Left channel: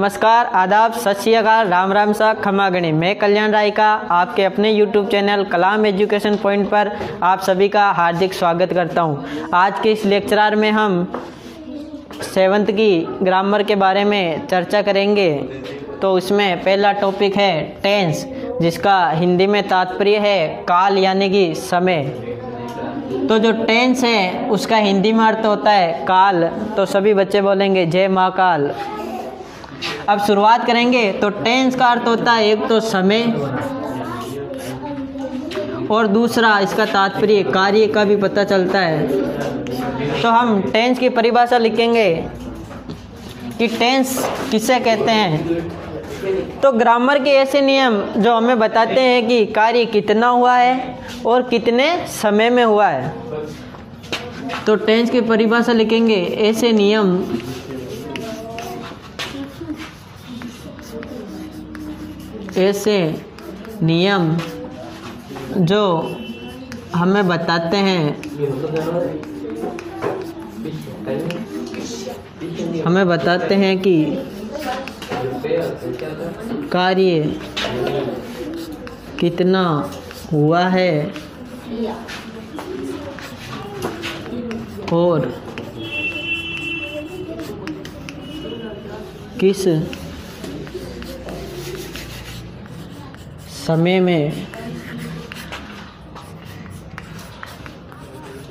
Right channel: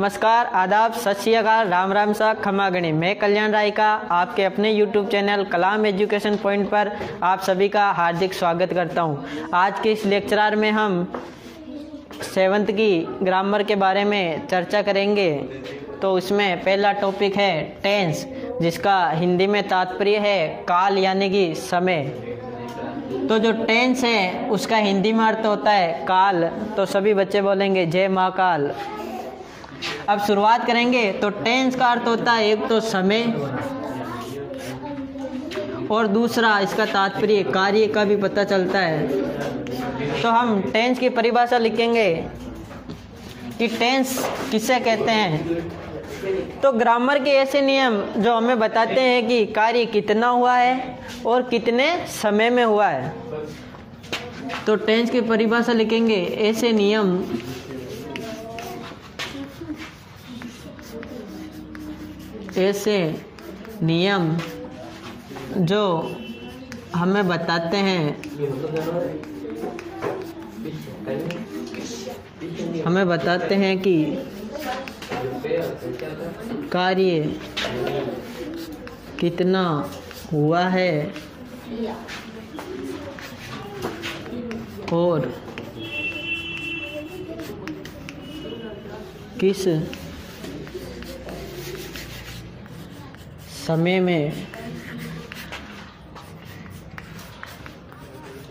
नमस्कार, आदाब, सत श्री अकाल, राम राम सा खमा गणी। मैं कल्याण राय का आपके अपने YouTube चैनल कलाम एजुकेशन पॉइंट पर आप सभी का हार्दिक स्वागत करता हूं। आज के इस लेक्चर में हम 7th की ग्रामर के बारे में चर्चा करेंगे। तो इसमें पहला टॉपिक है टेंस, जिसका हिंदी में तात्पर्य है काल यानी कि समय। तो जो टेंस है उसका हिंदी में अर्थ होता है काल। तो सभी बच्चे बोलेंगे जय महाकाल। अब शुरुआत करेंगे। तो टेंस का अर्थ होता है एक तो समय और दूसरा इसका तात्पर्य कार्य का भी पता चलता है। तो हम टेंस की परिभाषा लिखेंगे कि टेंस किसे कहते हैं। तो ग्रामर के ऐसे नियम जो हमें बताते हैं कि कार्य कितना हुआ है और कितने समय में हुआ है। तो टेंस की परिभाषा लिखेंगे ऐसे नियम जो हमें बताते हैं कि कार्य कितना हुआ है और किस समय में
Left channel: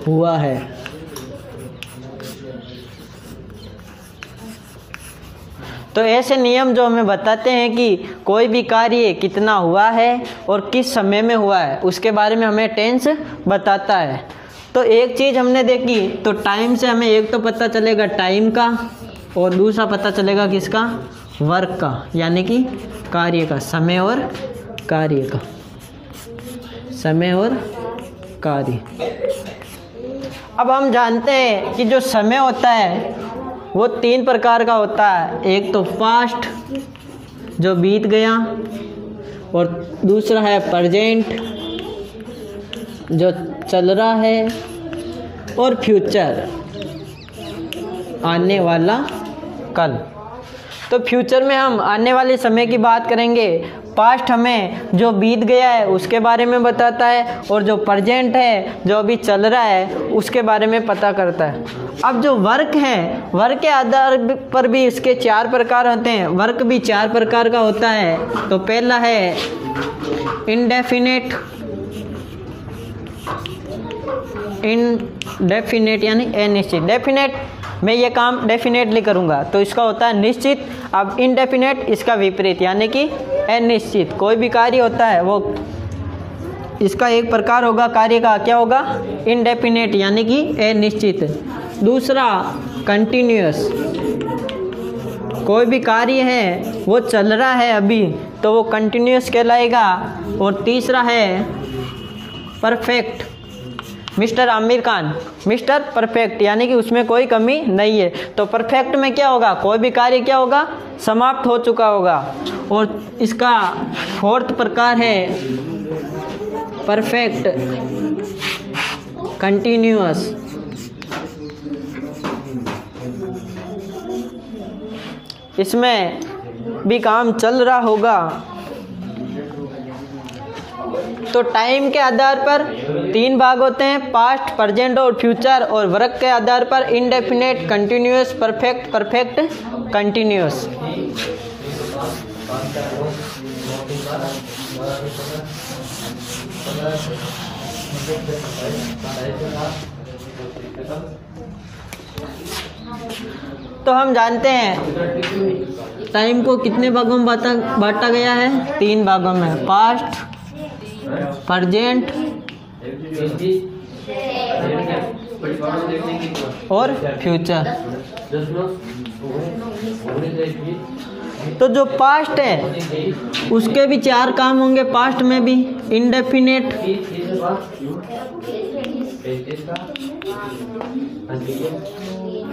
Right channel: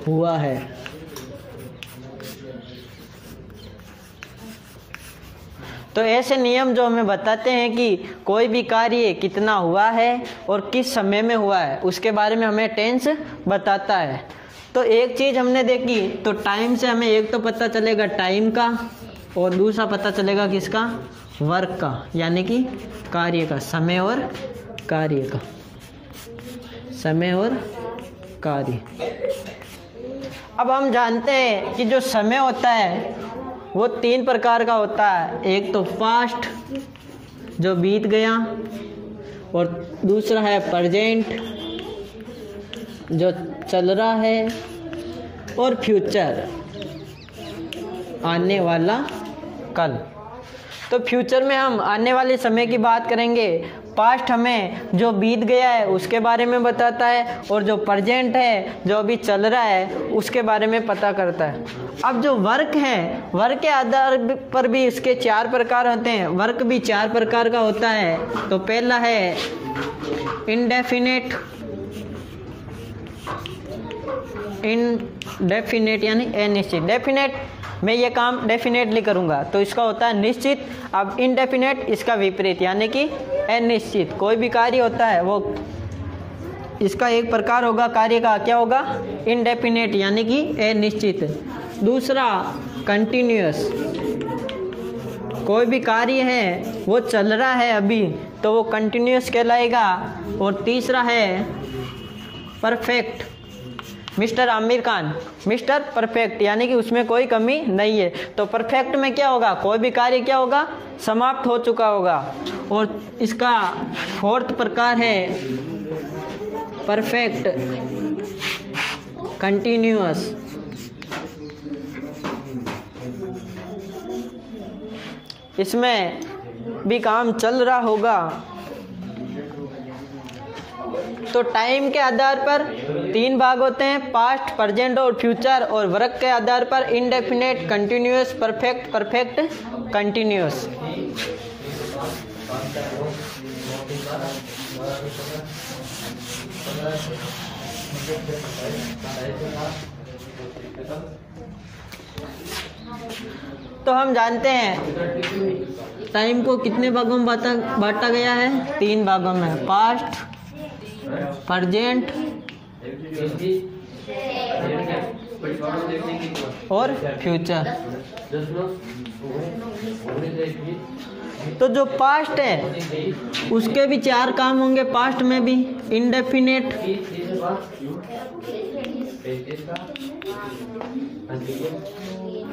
हुआ है। तो ऐसे नियम जो हमें बताते हैं कि कोई भी कार्य कितना हुआ है और किस समय में हुआ है, उसके बारे में हमें टेंस बताता है। तो एक चीज़ हमने देखी, तो टाइम से हमें एक तो पता चलेगा टाइम का और दूसरा पता चलेगा किसका, वर्क का, यानी कि कार्य का, समय और कार्य का, समय और कार्य। अब हम जानते हैं कि जो समय होता है वो 3 प्रकार का होता है। एक तो पास्ट जो बीत गया, और दूसरा है प्रेजेंट जो चल रहा है, और फ्यूचर आने वाला कल। तो फ्यूचर में हम आने वाले समय की बात करेंगे। पास्ट हमें जो बीत गया है उसके बारे में बताता है, और जो प्रेजेंट है जो अभी चल रहा है उसके बारे में पता करता है। अब जो वर्क है, वर्क के आधार पर भी इसके 4 प्रकार होते हैं। वर्क भी 4 प्रकार का होता है। तो पहला है इनडेफिनेट यानी अनिश्चित। डेफिनेट मैं ये काम डेफिनेटली करूँगा तो इसका होता है निश्चित। अब इनडेफिनेट इसका विपरीत यानी कि अनिश्चित। कोई भी कार्य होता है वो इसका एक प्रकार होगा, कार्य का क्या होगा, इनडेफिनेट यानी कि अनिश्चित। दूसरा कंटिन्यूअस, कोई भी कार्य है वो चल रहा है अभी तो वो कंटिन्यूअस कहलाएगा। और तीसरा है perfect, mister Aamir Khan, mister perfect यानी कि उसमें कोई कमी नहीं है। तो परफेक्ट में क्या होगा, कोई भी कार्य क्या होगा, समाप्त हो चुका होगा। और इसका 4th प्रकार है परफेक्ट कंटिन्यूअस। इसमें भी काम चल रहा होगा। तो टाइम के आधार पर 3 भाग होते हैं, पास्ट, प्रेजेंट और फ्यूचर। और वर्क के आधार पर indefinite, continuous, perfect, perfect continuous. तो हम जानते हैं टाइम को कितने भागों में बांटा गया है, 3 भागों में, पास्ट, प्रेजेंट और फ्यूचर। तो जो पास्ट है उसके भी 4 काम होंगे। पास्ट में भी इंडेफिनेट,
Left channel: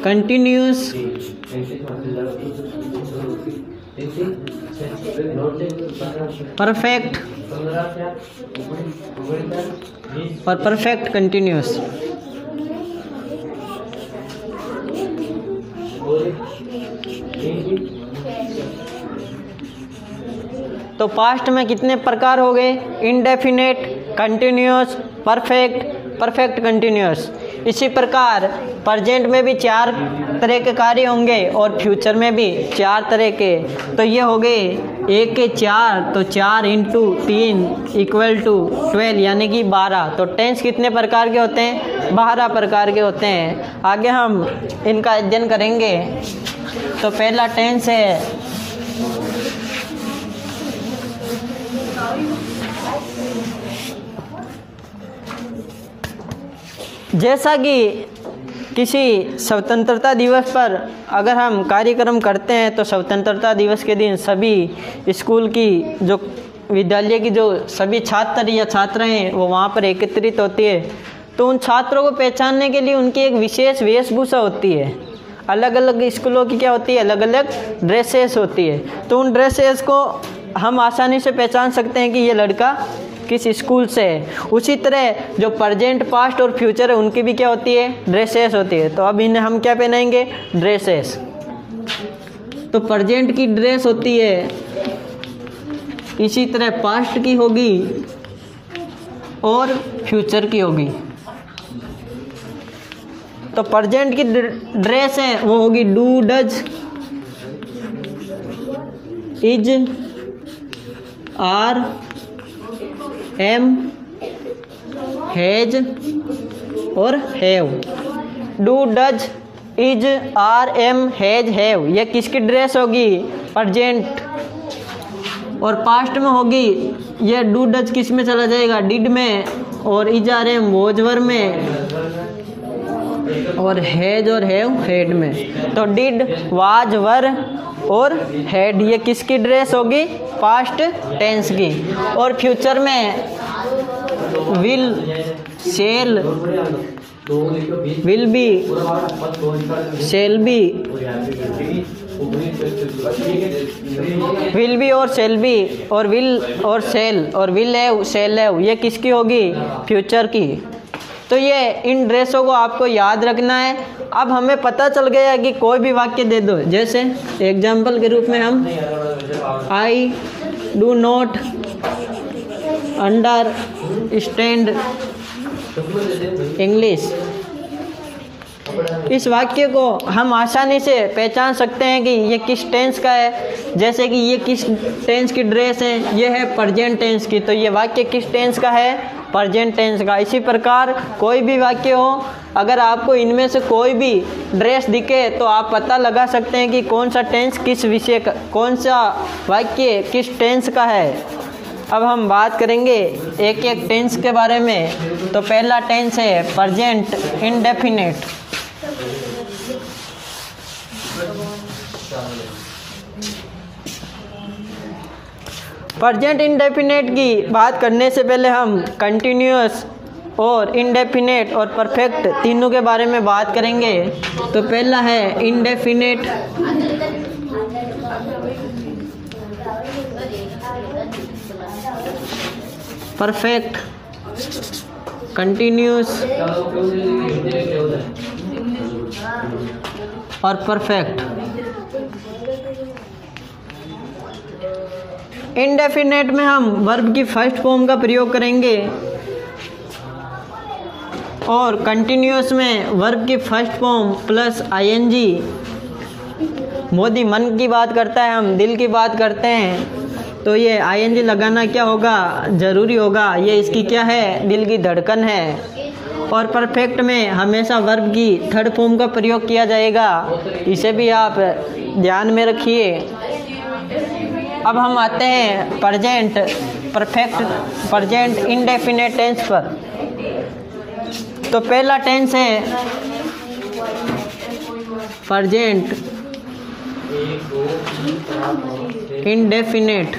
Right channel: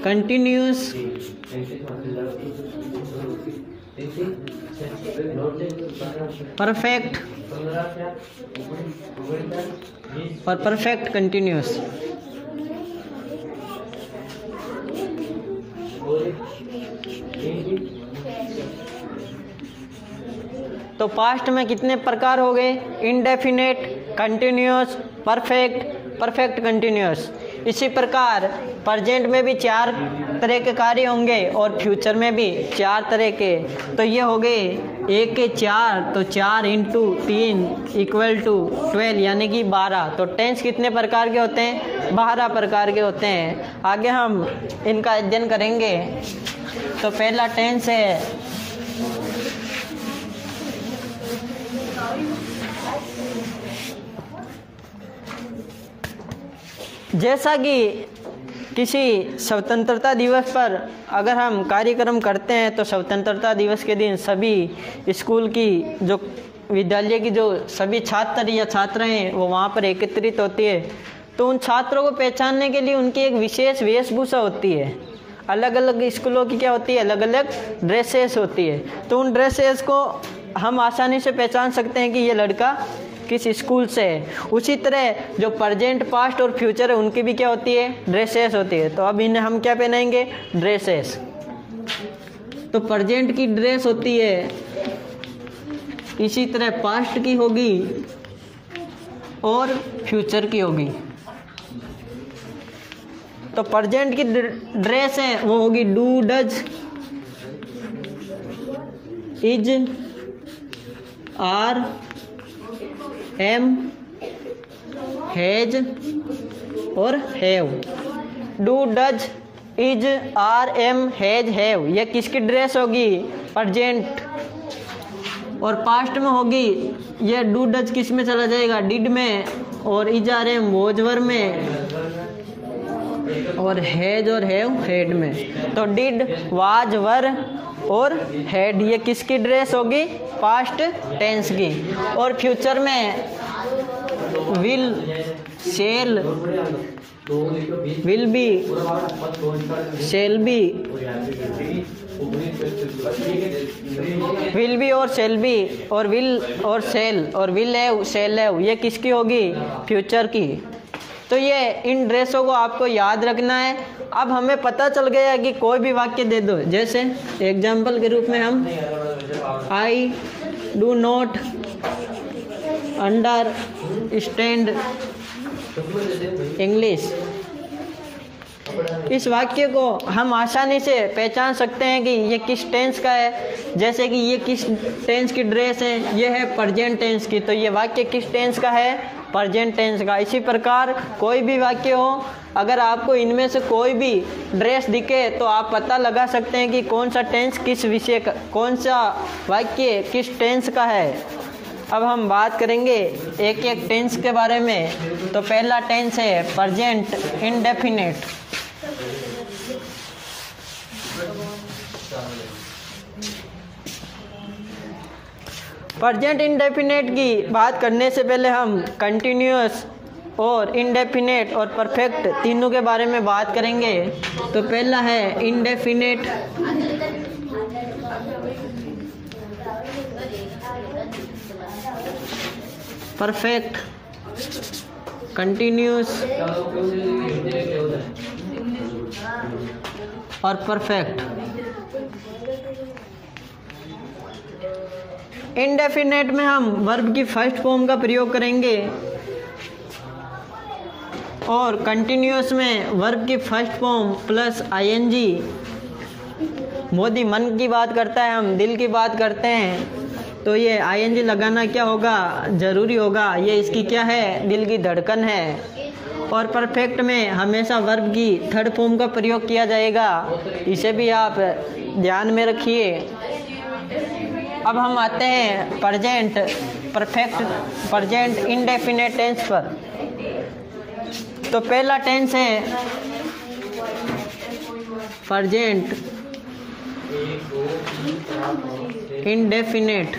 कंटिन्यूअस, परफेक्ट और परफेक्ट कंटिन्यूअस। तो पास्ट में कितने प्रकार हो गए? Indefinite, continuous, perfect, perfect continuous. इसी प्रकार प्रेजेंट में भी 4 तरह के कार्य होंगे और फ्यूचर में भी 4 तरह के। तो ये हो गए 1 के 4, तो 4 × 3 = 12 यानी कि 12। तो टेंस कितने प्रकार के होते हैं? 12 प्रकार के होते हैं। आगे हम इनका अध्ययन करेंगे। तो पहला टेंस है जैसा कि किसी स्वतंत्रता दिवस पर अगर हम कार्यक्रम करते हैं तो स्वतंत्रता दिवस के दिन सभी स्कूल की जो विद्यालय की जो सभी छात्र या छात्राएं वो वहाँ पर एकत्रित होती है। तो उन छात्रों को पहचानने के लिए उनकी एक विशेष वेशभूषा होती है। अलग अलग स्कूलों की क्या होती है? अलग अलग ड्रेसेस होती है। तो उन ड्रेसेस को हम आसानी से पहचान सकते हैं कि ये लड़का किस स्कूल से है। उसी तरह जो प्रेजेंट, पास्ट और फ्यूचर है उनकी भी क्या होती है? ड्रेसेस होती है। तो अब इन्हें हम क्या पहनाएंगे? ड्रेसेस। तो प्रेजेंट की ड्रेस होती है, इसी तरह पास्ट की होगी और फ्यूचर की होगी। तो प्रेजेंट की ड्रेस है वो होगी do, does, is, are, am, has और have. Do, does, is, are, am, has, have ये किसकी ड्रेस होगी? प्रेजेंट। और पास्ट में होगी ये डू, डज किस में चला जाएगा? डिड में। और इज, आर, एम वॉज, वर में। और हैज और हैव हैड में। तो डिड, वाज, वर और हैड ये किसकी ड्रेस होगी? पास्ट टेंस की। और फ्यूचर में will, shall, will be, shall be, will be और शेल बी और विल और शेल और विल हैव, शेल हैव ये किसकी होगी? फ्यूचर की। तो ये इन ड्रेसों को आपको याद रखना है। अब हमें पता चल गया कि कोई भी वाक्य दे दो, जैसे एग्जाम्पल के रूप में हम I do not understand English, इस वाक्य को हम आसानी से पहचान सकते हैं कि ये किस टेंस का है। जैसे कि ये किस टेंस की ड्रेस है? ये है प्रेजेंट टेंस की। तो ये वाक्य किस टेंस का है? प्रेजेंट टेंस का। इसी प्रकार कोई भी वाक्य हो, अगर आपको इनमें से कोई भी ड्रेस दिखे तो आप पता लगा सकते हैं कि कौन सा टेंस किस विषय का, कौन सा वाक्य किस टेंस का है। अब हम बात करेंगे एक एक टेंस के बारे में। तो पहला टेंस है प्रेजेंट इंडेफिनिट। प्रेजेंट इंडेफिनिट की बात करने से पहले हम कंटिन्यूअस और इंडेफिनिट और परफेक्ट तीनों के बारे में बात करेंगे। तो पहला है इंडेफिनिट, परफेक्ट, कंटिन्यूअस और परफेक्ट। इंडेफिनेट में हम वर्ब की फर्स्ट फॉर्म का प्रयोग करेंगे और कंटिन्यूअस में वर्ब की first form plus ING. Modi Mann Ki बात करता है, हम दिल की बात करते हैं, तो ये आईएनजी लगाना क्या होगा? ज़रूरी होगा। ये इसकी क्या है? दिल की धड़कन है। और परफेक्ट में हमेशा वर्ब की थर्ड फॉर्म का प्रयोग किया जाएगा, इसे भी आप ध्यान में रखिए। अब हम आते हैं present perfect, present indefinite tense पर। तो पहला टेंस है प्रेजेंट इंडेफिनिट,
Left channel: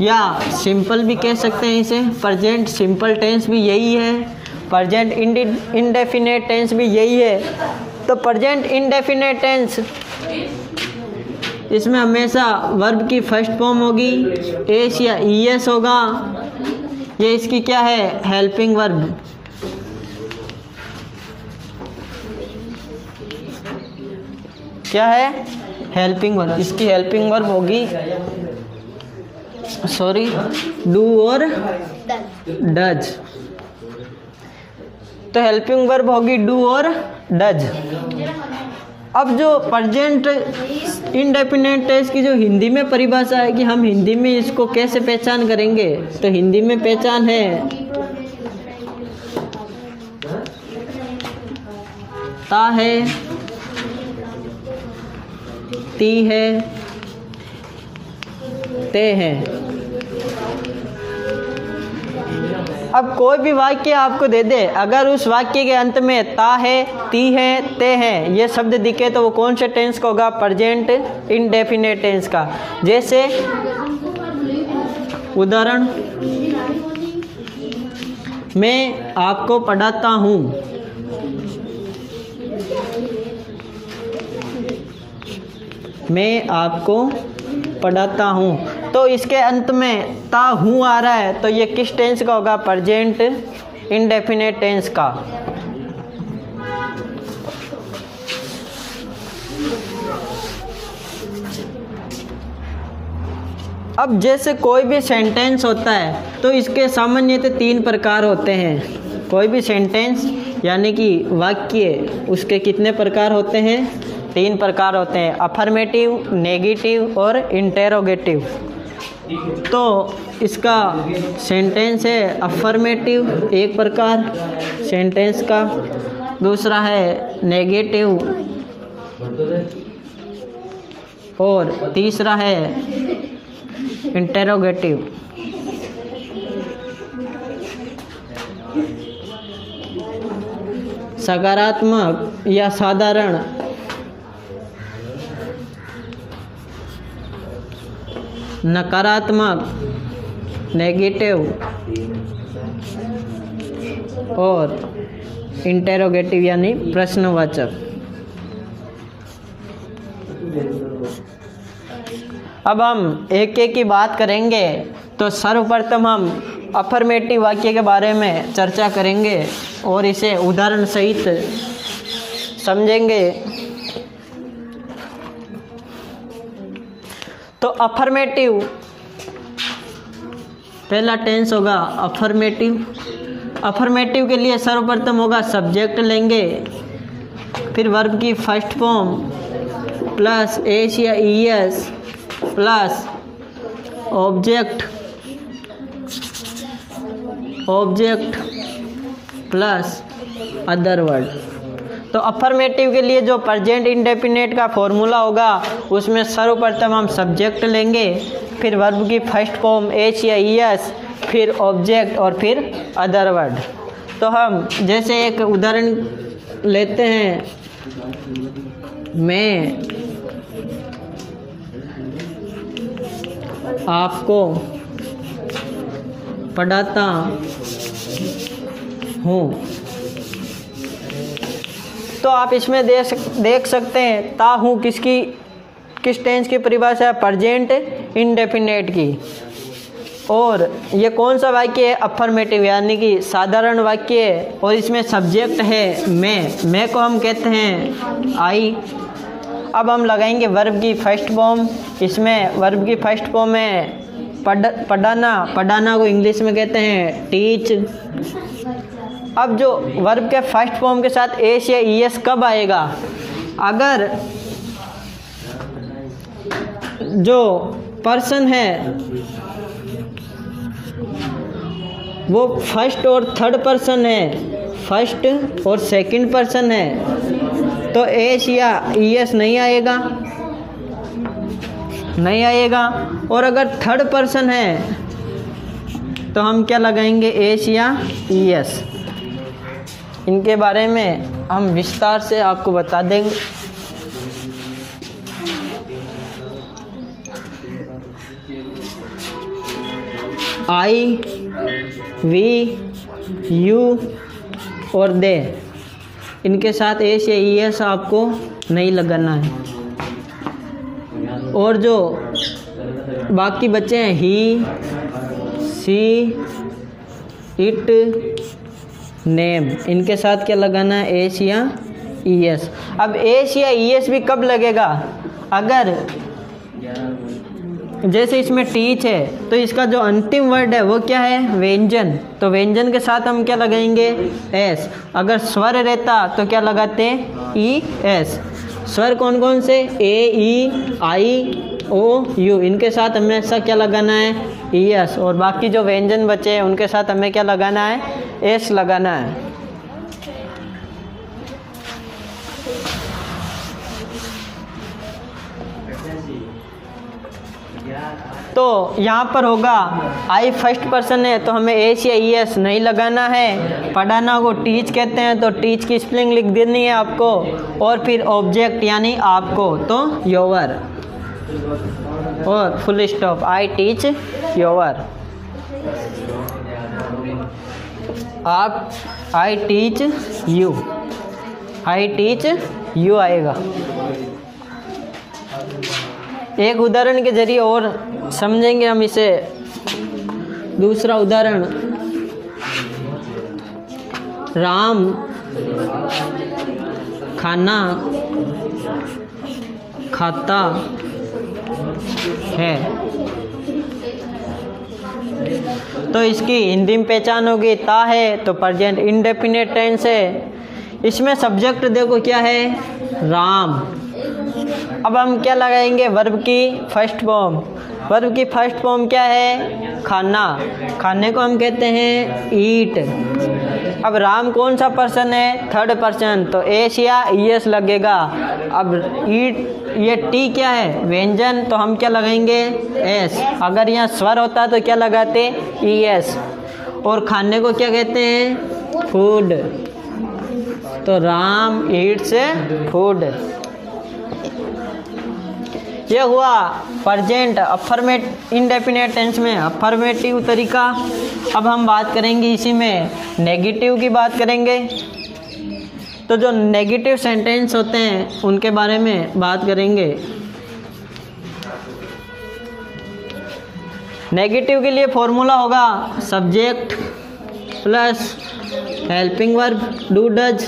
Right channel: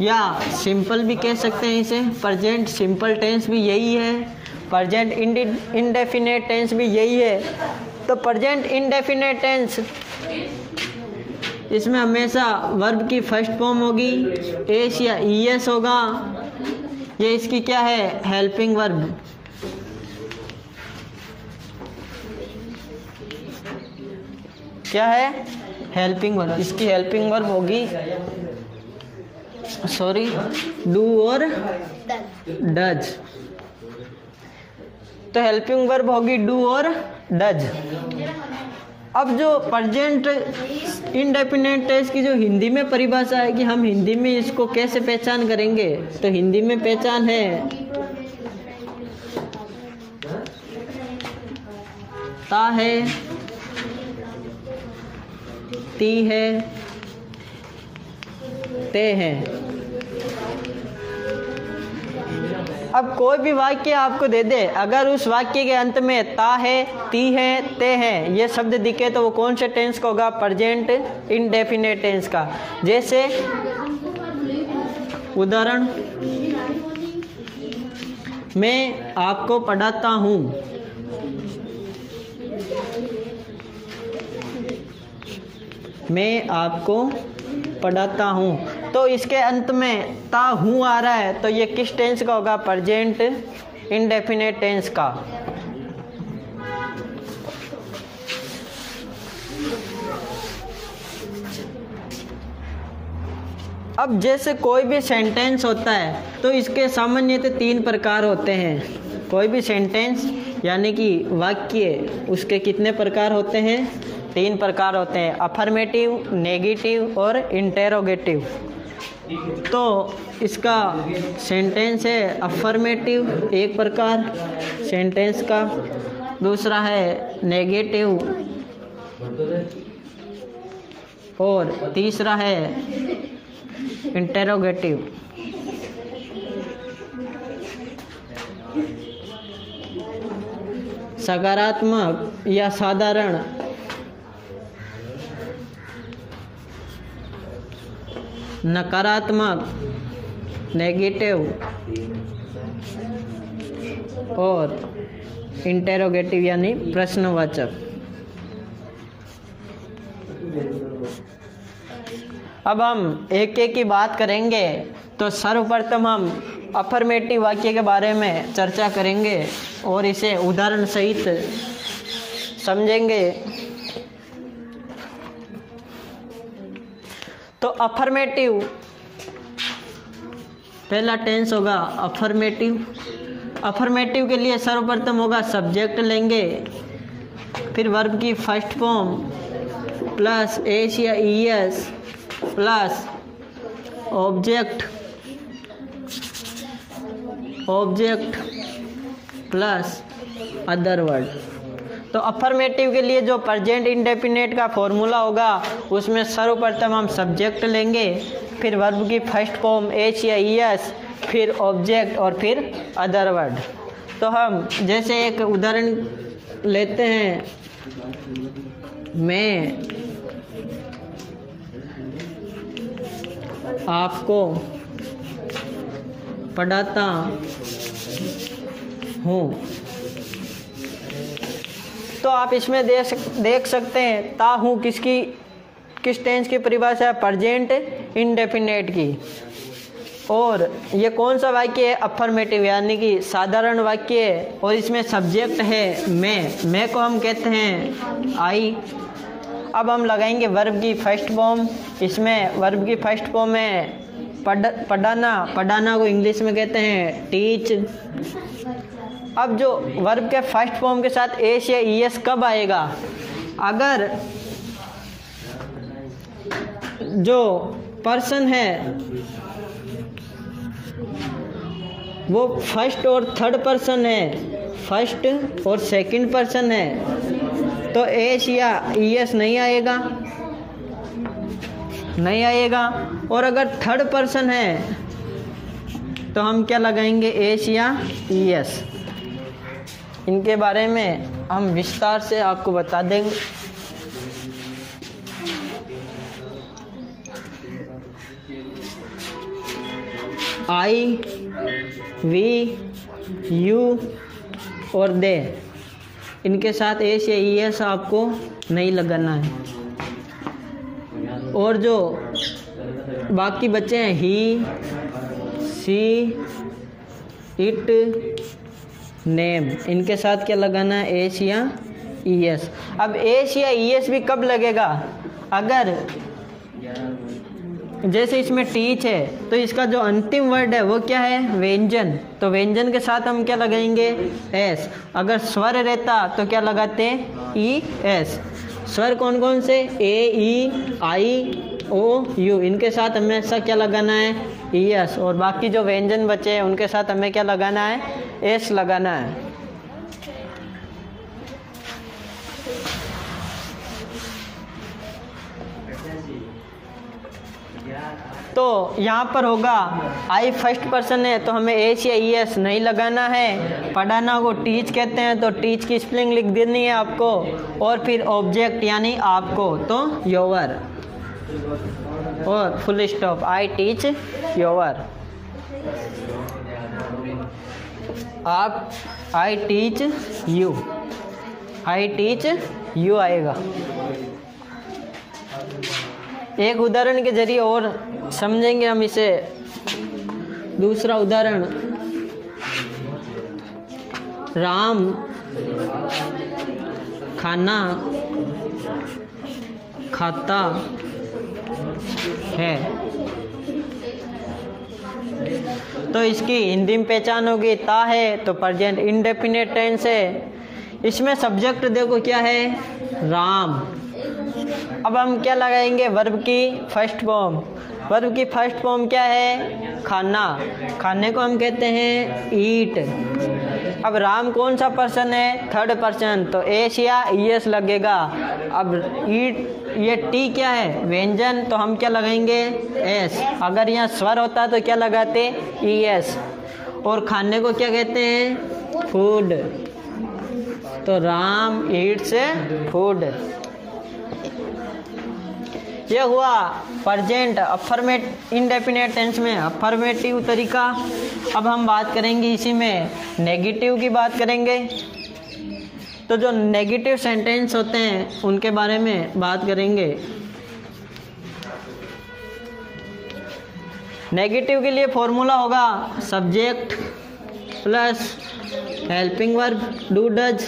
या सिंपल भी कह सकते हैं इसे। प्रेजेंट सिंपल टेंस भी यही है, प्रेजेंट इंडेफिनिट टेंस भी यही है। तो प्रेजेंट इंडेफिनिट टेंस, इसमें हमेशा वर्ब की फर्स्ट फॉर्म होगी, एस या ईएस होगा। ये इसकी क्या है? Helping verb. क्या है? हेल्पिंग वर्ब, इसकी हेल्पिंग वर्ब होगी डू और डज। तो हेल्पिंग वर्ब होगी डू और डज। अब जो प्रेजेंट इंडेफिनिट टेंस की जो हिंदी में परिभाषा है कि हम हिंदी में इसको कैसे पहचान करेंगे, तो हिंदी में पहचान है ता है, ती है, ते है। अब कोई भी वाक्य आपको दे दे, अगर उस वाक्य के अंत में ता है, ती है, ते है ये शब्द दिखे तो वो कौन से टेंस का होगा? प्रेजेंट इंडेफिनिट टेंस का। जैसे उदाहरण, मैं आपको पढ़ाता हूँ, मैं आपको पढ़ाता हूँ, तो इसके अंत में ता हूँ आ रहा है, तो ये किस टेंस का होगा? प्रेजेंट इंडेफिनिट टेंस का। अब जैसे कोई भी सेंटेंस होता है तो इसके सामान्यतः 3 प्रकार होते हैं। कोई भी सेंटेंस यानी कि वाक्य, उसके कितने प्रकार होते हैं? 3 प्रकार होते हैं, अफर्मेटिव, नेगेटिव और इंटेरोगेटिव। तो इसका सेंटेंस है अफर्मेटिव एक प्रकार सेंटेंस का, दूसरा है नेगेटिव और तीसरा है इंटेरोगेटिव। सकारात्मक या साधारण, नकारात्मक, नेगेटिव और इंटेरोगेटिव यानी प्रश्नवाचक। अब हम एक एक की बात करेंगे। तो सर्वप्रथम हम अफर्मेटिव वाक्य के बारे में चर्चा करेंगे और इसे उदाहरण सहित समझेंगे। तो अफर्मेटिव पहला टेंस होगा अफर्मेटिव। अफर्मेटिव के लिए सर्वप्रथम होगा सब्जेक्ट लेंगे, फिर वर्ब की फर्स्ट फॉर्म प्लस एस या ES plus object plus other word. तो अफर्मेटिव के लिए जो प्रेजेंट इंडेफिनिट का फॉर्मूला होगा उसमें सर्वप्रथम हम सब्जेक्ट लेंगे, फिर वर्ब की फर्स्ट फॉर्म एच या ईएस, फिर ऑब्जेक्ट और फिर अदर वर्ड। तो हम जैसे एक उदाहरण लेते हैं, मैं आपको पढ़ाता हूँ। तो आप इसमें देख सकते हैं ता हूँ किस टेंस की परिभाषा है? प्रेजेंट इंडेफिनिट की। और ये कौन सा वाक्य है? अफर्मेटिव यानी कि साधारण वाक्य है और इसमें सब्जेक्ट है मैं को हम कहते हैं आई। अब हम लगाएंगे वर्ब की फर्स्ट फॉर्म। इसमें वर्ब की फर्स्ट फॉर्म है पढ़ाना को इंग्लिश में कहते हैं टीच। अब जो वर्ब के फर्स्ट फॉर्म के साथ एस या ईएस कब आएगा? अगर जो पर्सन है वो फर्स्ट और थर्ड पर्सन है, फर्स्ट और सेकंड पर्सन है, तो एस या ईएस नहीं आएगा। और अगर थर्ड पर्सन है तो हम क्या लगाएंगे? एस या ईएस। इनके बारे में हम विस्तार से आपको बता देंगे। आई, वी, यू और दे, इनके साथ एस या ईएस आपको नहीं लगाना है। और जो बाकी बच्चे हैं ही, सी, इट, नेम, इनके साथ क्या लगाना है? एस या ईएस। अब एस या ईएस भी कब लगेगा? अगर जैसे इसमें टीच है तो इसका जो अंतिम वर्ड है वो क्या है, व्यंजन, तो व्यंजन के साथ हम क्या लगाएंगे, एस। अगर स्वर रहता तो क्या लगाते, ई एस। स्वर कौन कौन से, ए ई आई ओ यू, इनके साथ हमें ऐसा क्या लगाना है, ई एस। और बाकी जो व्यंजन बचे हैं उनके साथ हमें क्या लगाना है, एस लगाना है। तो यहाँ पर होगा आई फर्स्ट पर्सन है तो हमें एस या ई एस नहीं लगाना है। पढ़ाना को टीच कहते हैं तो टीच की स्पेलिंग लिख देनी है आपको। और फिर ऑब्जेक्ट यानी आपको तो योर, और full stop, I teach your. आप I teach you, I teach you आएगा। एक उदाहरण के जरिए और समझेंगे हम इसे। दूसरा उदाहरण, राम खाना खाता है, तो इसकी हिंदी में पहचान होगी ता है, तो प्रेजेंट इंडेफिनिट टेंस है। इसमें सब्जेक्ट देखो क्या है, राम। अब हम क्या लगाएंगे, वर्ब की फर्स्ट फॉर्म। वर्ब की फर्स्ट फॉर्म क्या है, खाना। खाने को हम कहते हैं ईट। अब राम कौन सा पर्सन है, थर्ड पर्सन, तो एस या ई एस लगेगा। अब ईट, ये टी क्या है, व्यंजन, तो हम क्या लगाएंगे, एस। अगर यहाँ स्वर होता तो क्या लगाते, ई एस। और खाने को क्या कहते हैं, फूड, तो राम ईट्स फूड। यह हुआ प्रेजेंट अफर्मेटिव इंडेफिनिट टेंस में अफर्मेटिव तरीका। अब हम बात करेंगे इसी में नेगेटिव की बात करेंगे। तो जो नेगेटिव सेंटेंस होते हैं उनके बारे में बात करेंगे। नेगेटिव के लिए फॉर्मूला होगा subject plus helping verb do does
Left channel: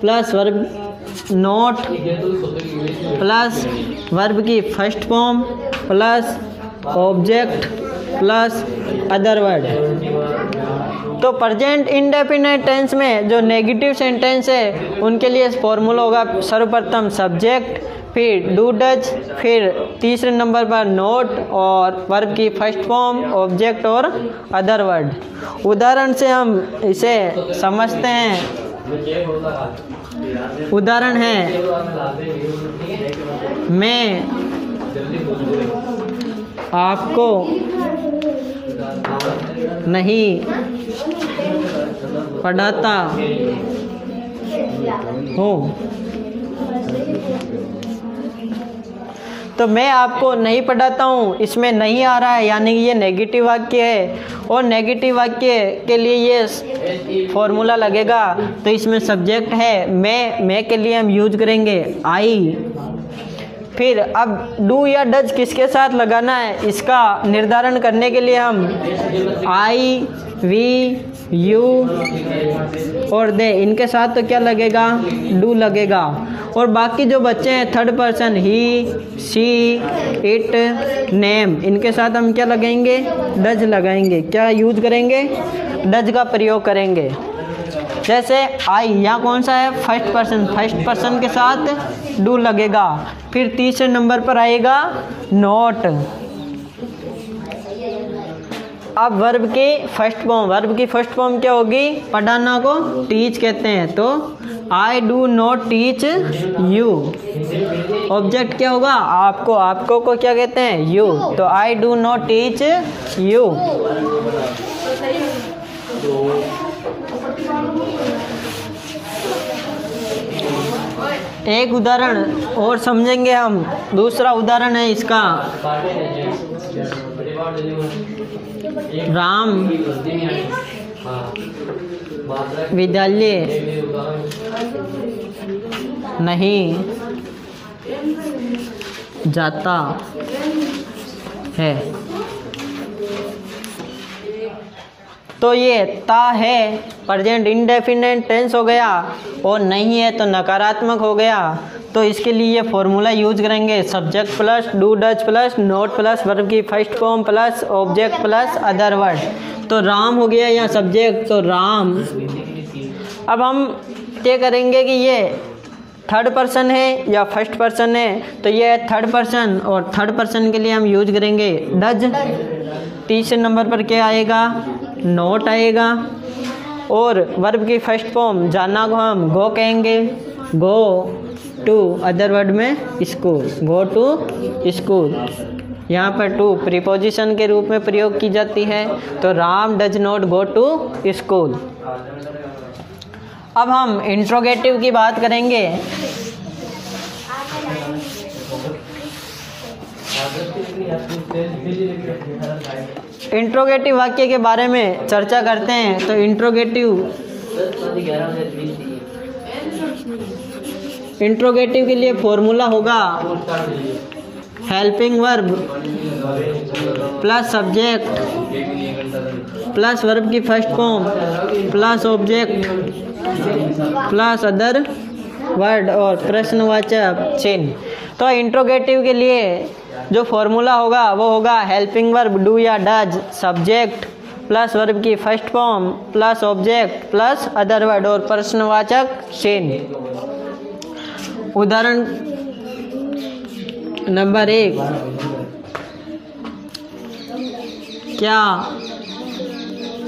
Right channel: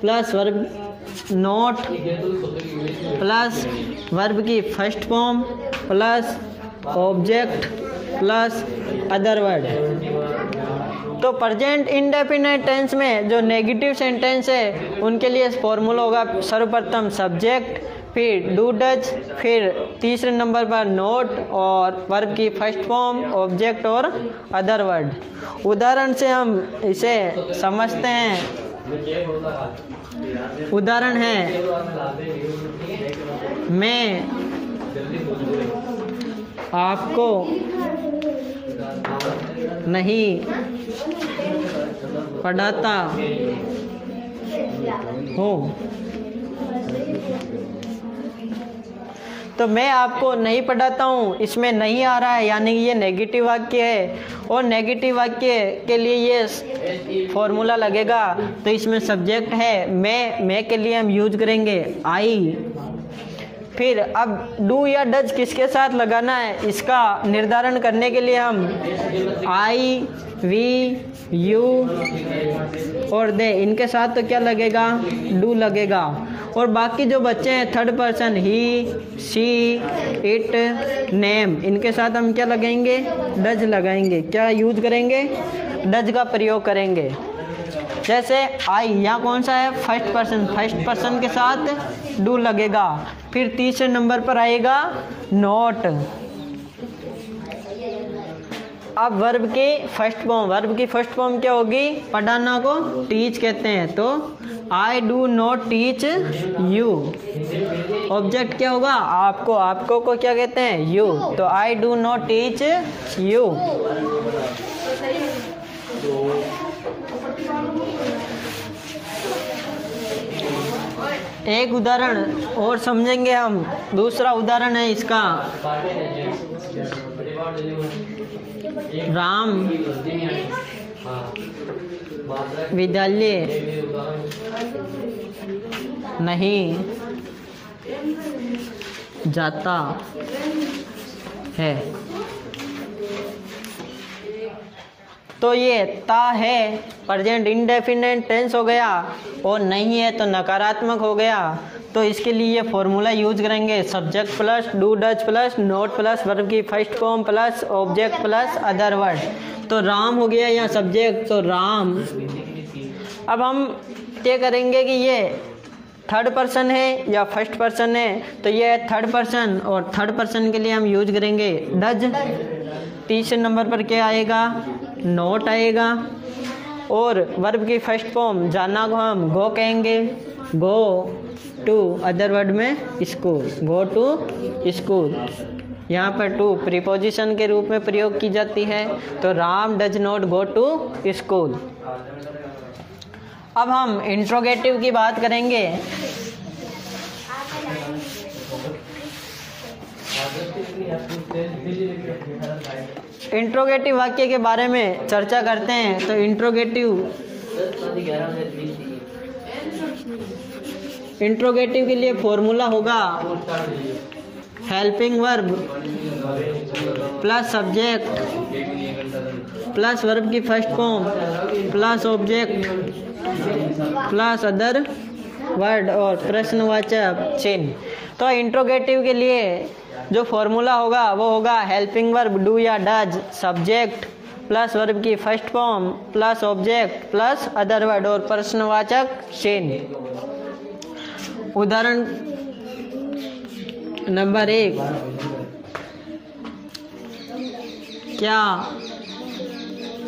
plus verb not plus verb की first form plus object plus other word. तो प्रेजेंट इंडेफिनिट टेंस में जो नेगेटिव सेंटेंस है उनके लिए फॉर्मूला होगा सर्वप्रथम सब्जेक्ट, फिर डू डज, फिर तीसरे नंबर पर नोट, और वर्ब की फर्स्ट फॉर्म, ऑब्जेक्ट और अदर वर्ड। उदाहरण से हम इसे समझते हैं। उदाहरण है, मैं आपको नहीं पढ़ाता हूँ। तो मैं आपको नहीं पढ़ाता हूँ, इसमें नहीं आ रहा है, यानी कि ये नेगेटिव वाक्य है। और नेगेटिव वाक्य के लिए ये फॉर्मूला लगेगा। तो इसमें सब्जेक्ट है मैं के लिए हम यूज करेंगे आई। फिर अब डू या डज किसके साथ लगाना है, इसका निर्धारण करने के लिए हम आई, वी, यू और दे, इनके साथ तो क्या लगेगा, डू लगेगा। और बाकी जो बच्चे हैं third person he, she, it, name, इनके साथ हम क्या लगाएंगे, डज लगाएंगे। क्या यूज करेंगे, डज का प्रयोग करेंगे। जैसे आई, यहाँ कौन सा है, फर्स्ट पर्सन, फर्स्ट पर्सन के साथ डू लगेगा। फिर तीसरे नंबर पर आएगा नोट। अब वर्ब की फर्स्ट फॉर्म, वर्ब की फर्स्ट फॉर्म क्या होगी, पढ़ाना को टीच कहते हैं, तो I do not teach you. Object क्या होगा, आपको, आपको को क्या कहते हैं, यू, तो I do not teach you. एक उदाहरण और समझेंगे हम। दूसरा उदाहरण है इसका, राम विद्यालय नहीं जाता है। तो ये ता है प्रेजेंट इंडेफिनिट टेंस हो गया, और नहीं है तो नकारात्मक हो गया। तो इसके लिए फॉर्मूला यूज करेंगे subject plus do does plus not plus verb की first form plus object plus other word. तो राम हो गया यहाँ सब्जेक्ट, तो राम। अब हम क्या करेंगे कि ये थर्ड पर्सन है या फर्स्ट पर्सन है, तो ये है थर्ड पर्सन, और थर्ड पर्सन के लिए हम यूज करेंगे डज। तीसरे नंबर पर क्या आएगा, नोट आएगा, और वर्ब की फर्स्ट फॉर्म जाना को हम गो कहेंगे, गो टू, अदर वर्ड में स्कूल, गो टू स्कूल। यहाँ पर टू प्रीपोजिशन के रूप में प्रयोग की जाती है, तो Ram does not go to school. अब हम इंट्रोगेटिव की बात करेंगे। इंट्रोगेटिव वाक्य के बारे में चर्चा करते हैं। तो इंट्रोगेटिव के लिए फॉर्मूला होगा helping verb plus subject plus verb की first form plus object plus other word और प्रश्नवाचक चिन्ह। तो इंट्रोगेटिव के लिए जो फॉर्मूला होगा वो होगा हेल्पिंग वर्ब डू या डज सब्जेक्ट प्लस वर्ब की first form plus object plus other word और प्रश्नवाचक चिन्ह। उदाहरण नंबर 1, क्या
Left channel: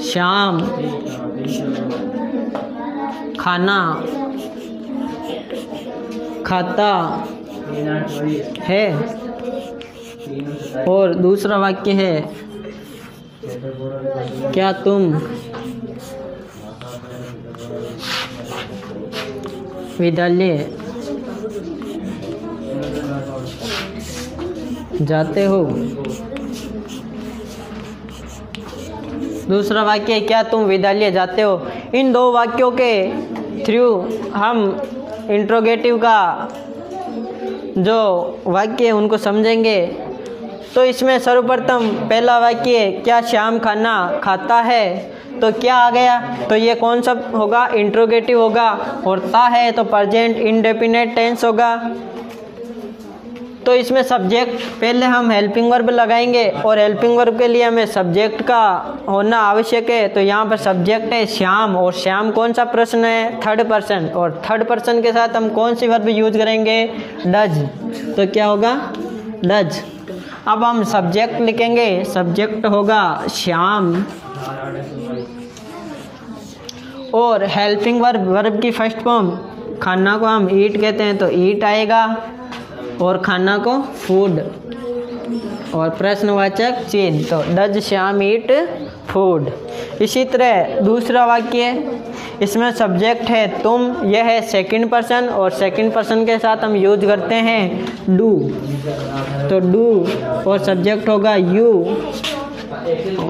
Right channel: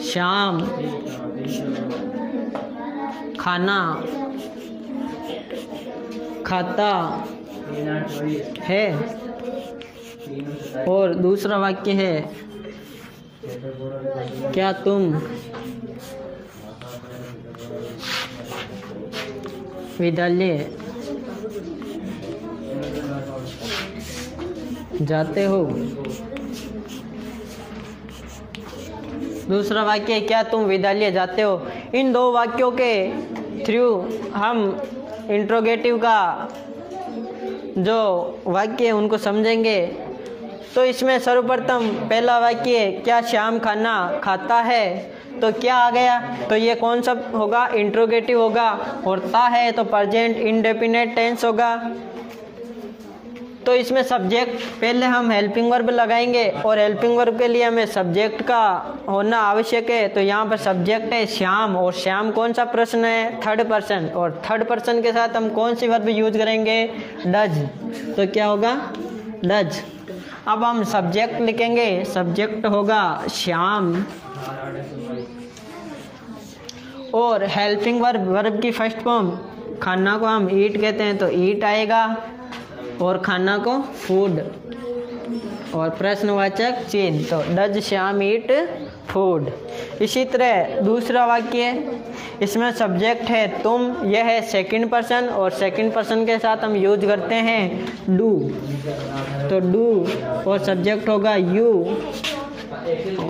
शाम खाना खाता है। और दूसरा वाक्य है क्या तुम विद्यालय जाते हो। दूसरा वाक्य है क्या तुम विद्यालय जाते हो। इन दो वाक्यों के थ्रू हम इंट्रोगेटिव का जो वाक्य है उनको समझेंगे। तो इसमें सर्वप्रथम पहला वाक्य क्या शाम खाना खाता है, तो क्या आ गया, तो ये कौन सा होगा, इंट्रोगेटिव होगा। और ता है तो प्रेजेंट इंडेफिनिट टेंस होगा। तो इसमें सब्जेक्ट पहले हम हेल्पिंग वर्ब लगाएंगे, और हेल्पिंग वर्ब के लिए हमें सब्जेक्ट का होना आवश्यक है। तो यहाँ पर सब्जेक्ट है श्याम, और श्याम कौन सा प्रश्न है, थर्ड पर्सन, और थर्ड पर्सन के साथ हम कौन सी वर्ब यूज करेंगे, डज। तो क्या होगा, डज। अब हम सब्जेक्ट लिखेंगे, सब्जेक्ट होगा श्याम, और हेल्पिंग वर्ब, वर्ब की फर्स्ट फॉर्म खाना को हम ईट कहते हैं तो ईट आएगा, और खाना को फूड, और प्रश्नवाचक चिन्ह तो डज श्याम ईट फूड। इसी तरह दूसरा वाक्य, इसमें सब्जेक्ट है तुम, यह है सेकंड पर्सन, और सेकंड पर्सन के साथ हम यूज करते हैं डू। तो डू और सब्जेक्ट होगा यू,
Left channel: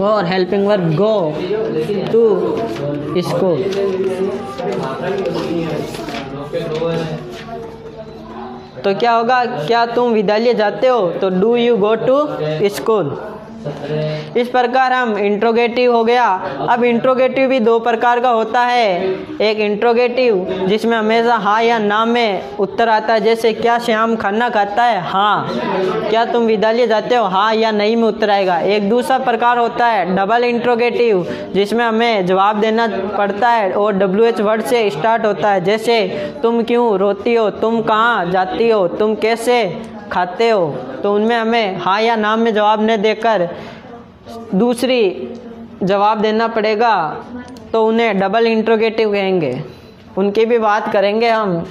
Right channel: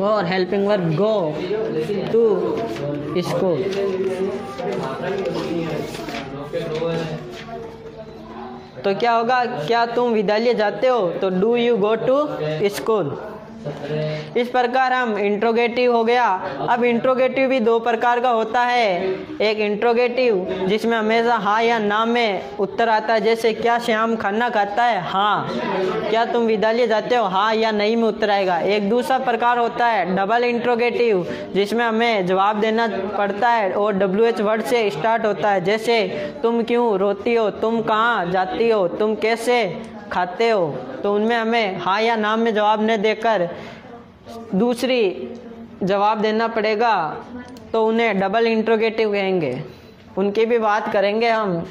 और helping verb go to school. तो क्या होगा, क्या तुम विद्यालय जाते हो, तो do you go to school. इस प्रकार हम इंट्रोगेटिव हो गया। अब इंट्रोगेटिव भी दो प्रकार का होता है। एक इंट्रोगेटिव जिसमें हमेशा हाँ या ना में उत्तर आता है, जैसे क्या श्याम खाना खाता है, हाँ। क्या तुम विद्यालय जाते हो, हाँ या नहीं में उत्तर आएगा। एक दूसरा प्रकार होता है डबल इंट्रोगेटिव, जिसमें हमें जवाब देना पड़ता है और WH वर्ड से स्टार्ट होता है, जैसे तुम क्यों रोती हो, तुम कहाँ जाती हो, तुम कैसे खाते हो। तो उनमें हमें हाँ या ना में जवाब न देकर दूसरी जवाब देना पड़ेगा, तो उन्हें डबल इंट्रोगेटिव कहेंगे। उनकी भी बात करेंगे हम।